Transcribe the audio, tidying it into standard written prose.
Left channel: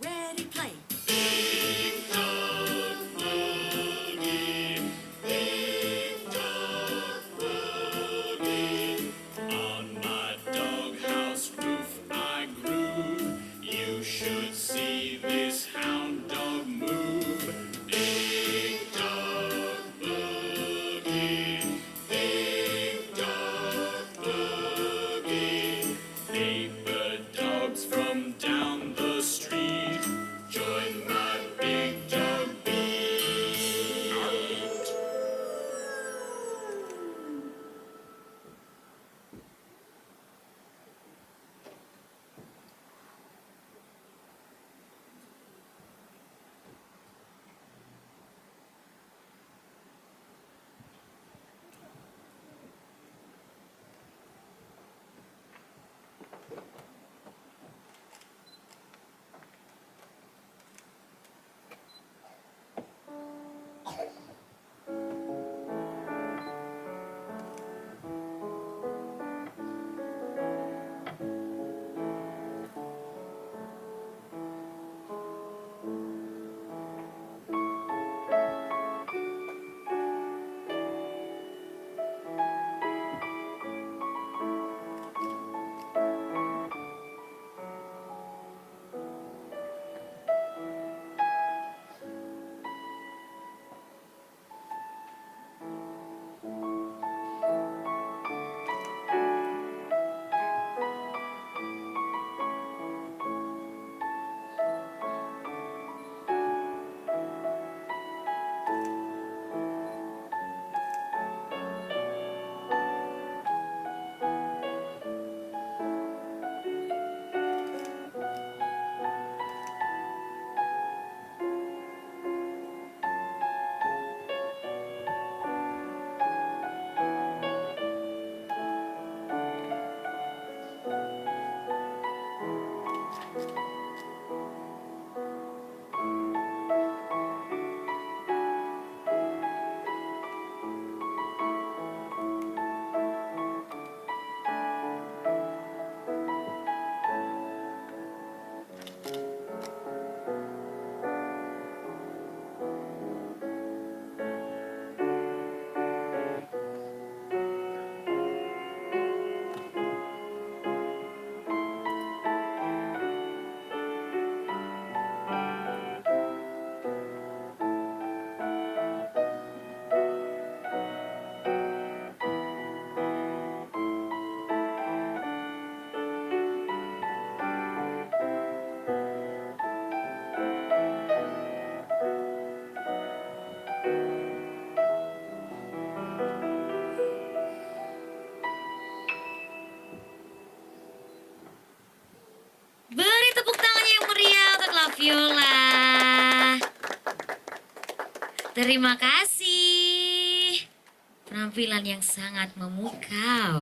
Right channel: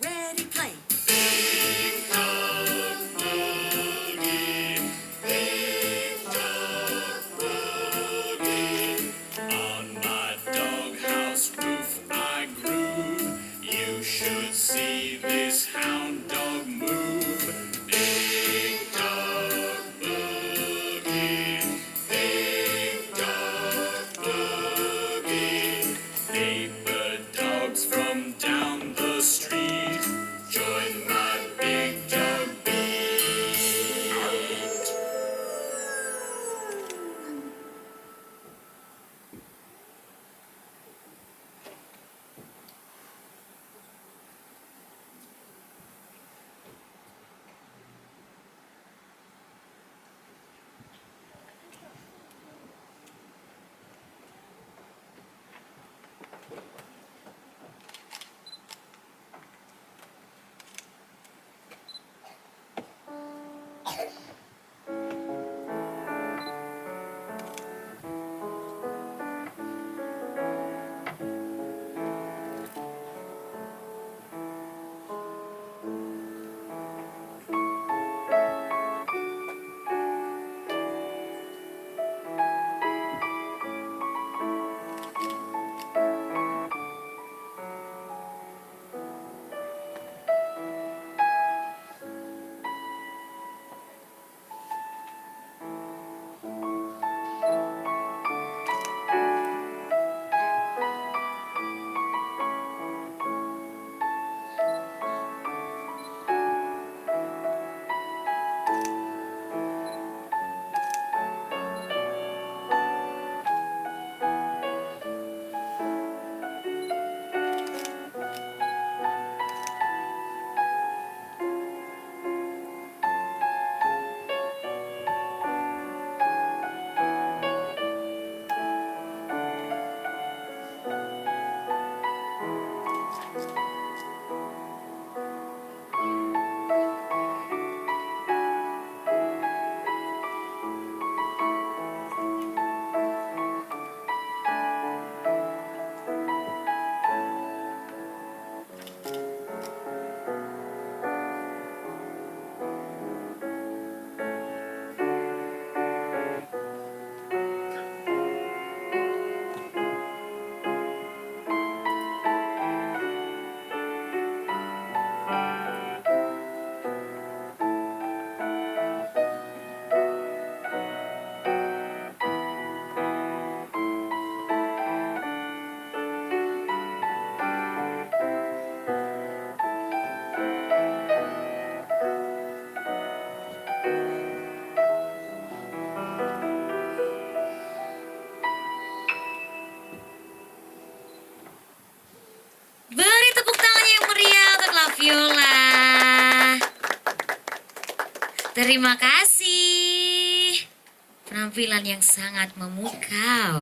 Ready, play. Big dog boogie, big dog boogie. On my doghouse roof I groove. You should see this hound dog move. Big dog boogie, big dog boogie. Neighbor dogs from down the street, join my big dog beat. Beri tepuk tangan yang meriah untuk Laviola. Terima kasih. Penampilan yang sangat memukau.